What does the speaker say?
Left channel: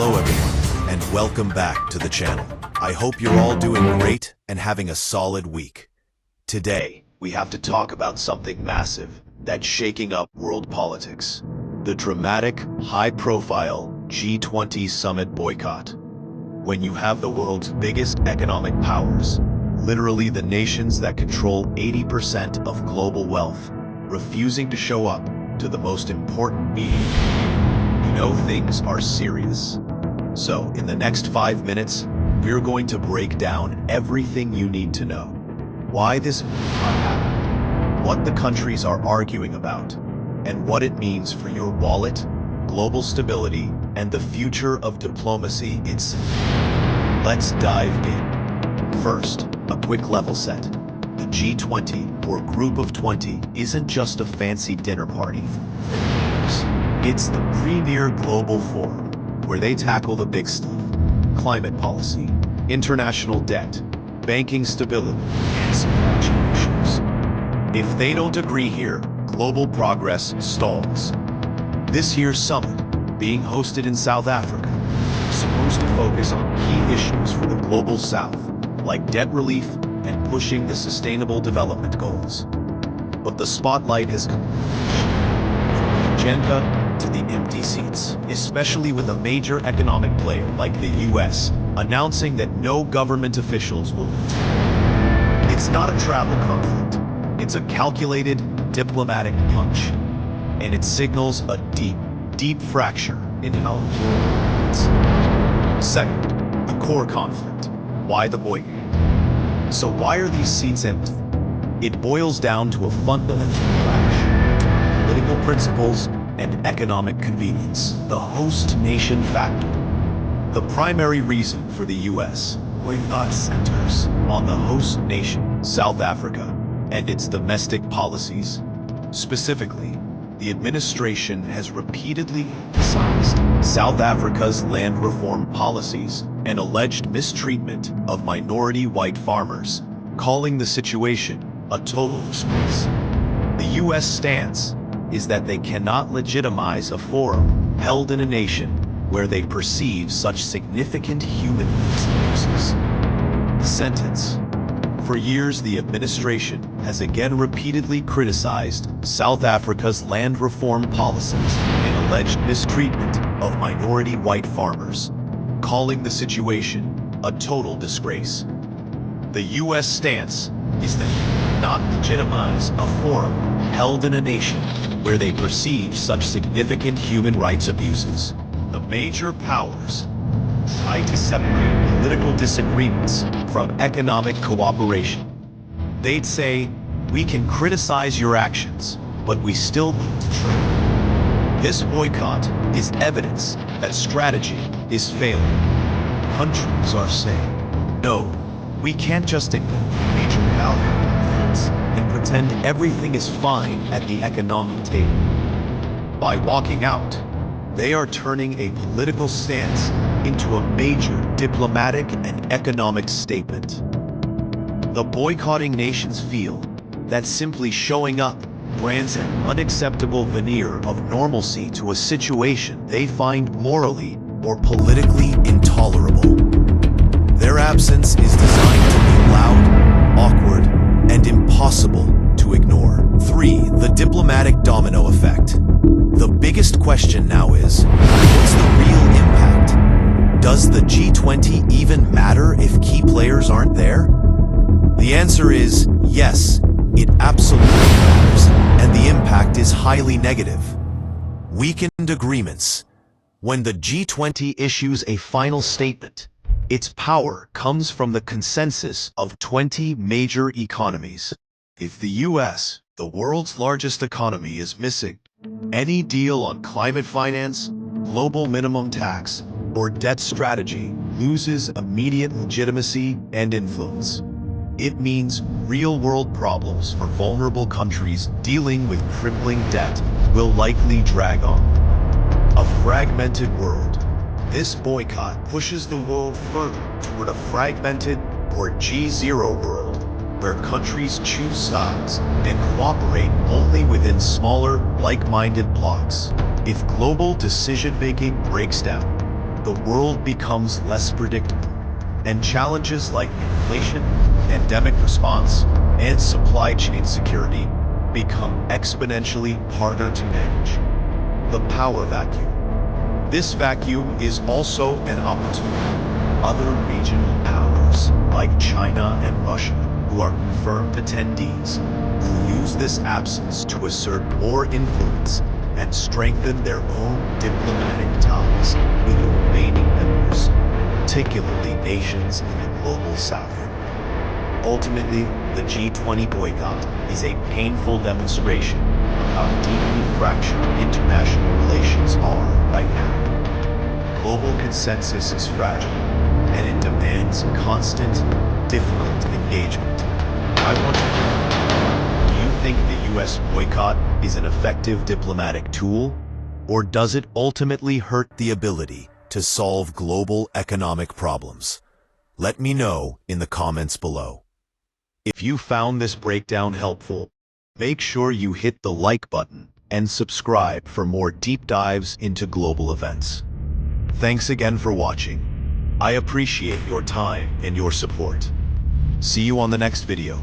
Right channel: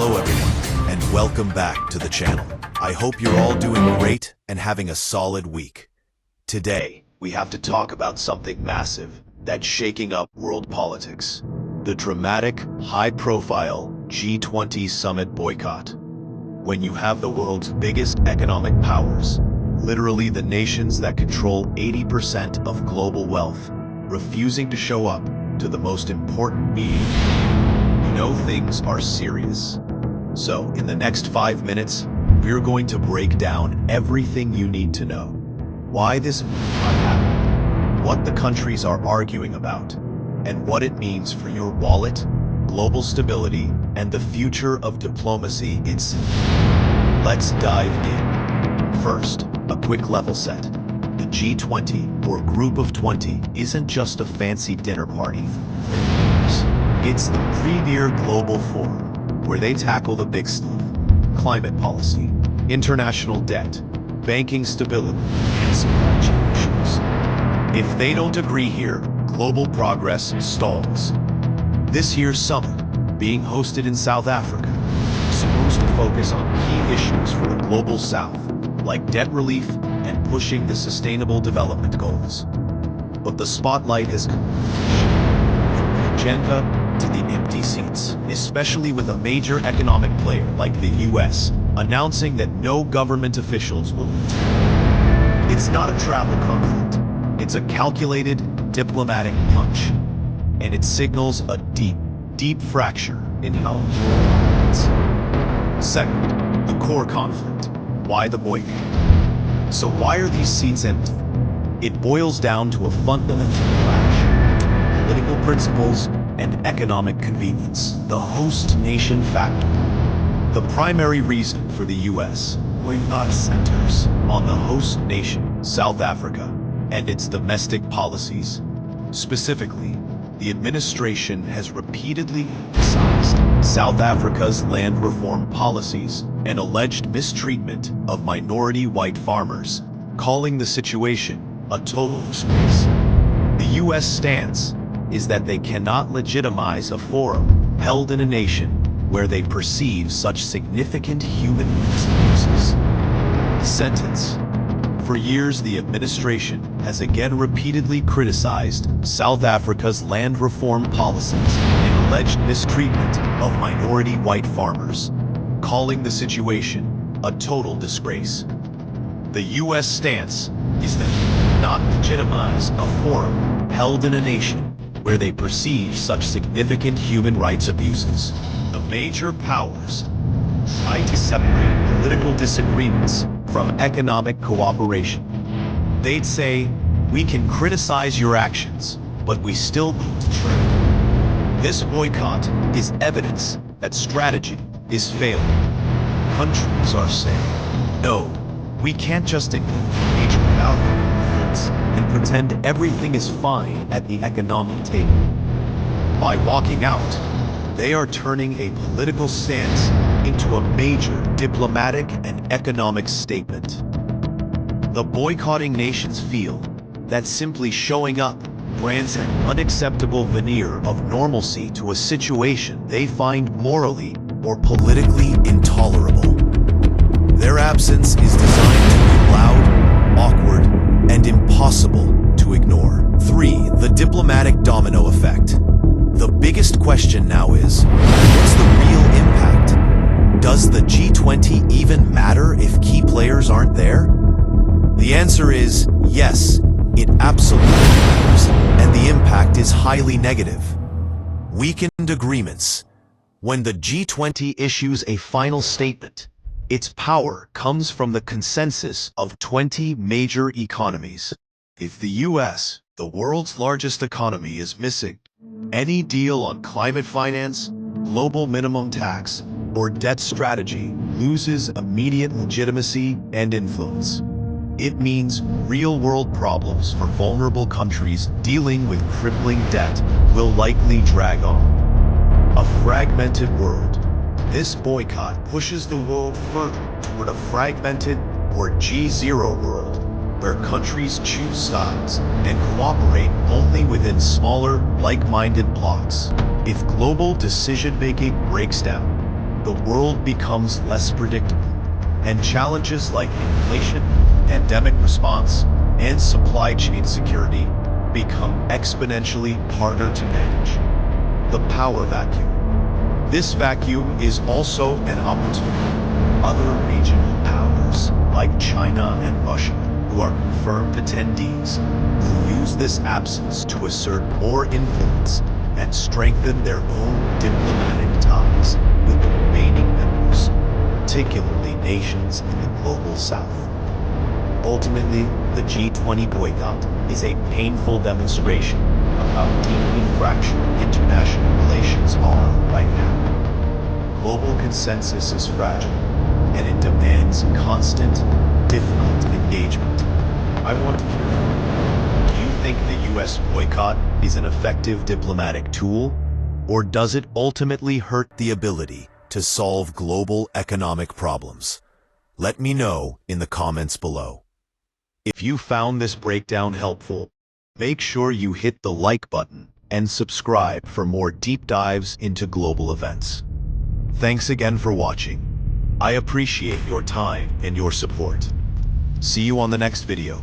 Hello everyone, and welcome back to the channel. I hope you're all doing great and having a solid week. Today, we have to talk about something massive that's shaking up world politics. The dramatic, high-profile G20 summit boycott. When you have the world's biggest economic powers, literally the nations that control 80% of global wealth, refusing to show up to the most important meeting, you know things are serious. So, in the next 5 minutes, we're going to break down everything you need to know. Why this boycott happened, what the countries are arguing about, and what it means for your wallet, global stability, and the future of diplomacy itself. Let's dive in. First, a quick level set. The G20, or Group of 20, isn't just a fancy dinner party. It's the premier global forum where they tackle the big stuff: climate policy, international debt, banking stability, and supply chain issues. If they don't agree here, global progress stalls. This year's summit, being hosted in South Africa, is supposed to focus on key issues for the global south, like debt relief and pushing the sustainable development goals. But the spotlight has come from the agenda to the empty seats, especially with a major economic player like the US announcing that no government officials will attend. It's not a travel conflict. It's a calculated, diplomatic punch. And it signals a deep fracture in how the world operates. Second, the core conflict. Why the boycott? So why are these seats empty? It boils down to a fundamental clash: political principles and economic convenience, the host nation factor. The primary reason for the US boycott centers on the host nation, South Africa, and its domestic policies. Specifically, the administration has repeatedly emphasized South Africa's land reform policies and alleged mistreatment of minority white farmers, calling the situation a total disgrace. The US stance is that they cannot legitimize a forum held in a nation where they perceive such significant human rights abuses. The sentence. For years, the administration has again repeatedly criticized South Africa's land reform policies and alleged mistreatment of minority white farmers, calling the situation a total disgrace. The US stance is that they cannot legitimize a forum held in a nation where they perceive such significant human rights abuses. The major powers try to separate political disagreements from economic cooperation. They'd say, we can criticize your actions, but we still need to trade. This boycott is evidence that strategy is failing. Countries are saying, no, we can't just ignore major value conflicts and pretend everything is fine at the economic table. By walking out, they are turning a political stance into a major diplomatic and economic statement. The boycotting nations feel that simply showing up grants an unacceptable veneer of normalcy to a situation they find morally or politically intolerable. Their absence is designed to be loud, awkward, and impossible to ignore. 3. The diplomatic domino effect. The biggest question now is, what's the real impact? Does the G20 even matter if key players aren't there? The answer is yes, it absolutely matters, and the impact is highly negative. Weakened agreements. When the G20 issues a final statement, its power comes from the consensus of 20 major economies. If the US, the world's largest economy, is missing, any deal on climate finance, global minimum tax, or debt strategy loses immediate legitimacy and influence. It means real-world problems for vulnerable countries dealing with crippling debt will likely drag on. A fragmented world. This boycott pushes the world further toward a fragmented or G0 world, where countries choose sides and cooperate only within smaller, like-minded blocs. If global decision-making breaks down, the world becomes less predictable, and challenges like inflation, pandemic response, and supply chain security become exponentially harder to manage. The power vacuum. This vacuum is also an opportunity. Other regional powers, like China and Russia, who are confirmed attendees, will use this absence to assert more influence and strengthen their own diplomatic ties with the remaining members, particularly nations in the global south. Ultimately, the G20 boycott is a painful demonstration of how deeply fractured international relations are right now. Global consensus is fragile, and it demands constant, difficult engagement. I want to know, do you think the US boycott is an effective diplomatic tool, or does it ultimately hurt the ability to solve global economic problems? Let me know in the comments below. If you found this breakdown helpful, make sure you hit the like button and subscribe for more deep dives into global events. Thanks again for watching. I appreciate your time and your support. See you on the next video.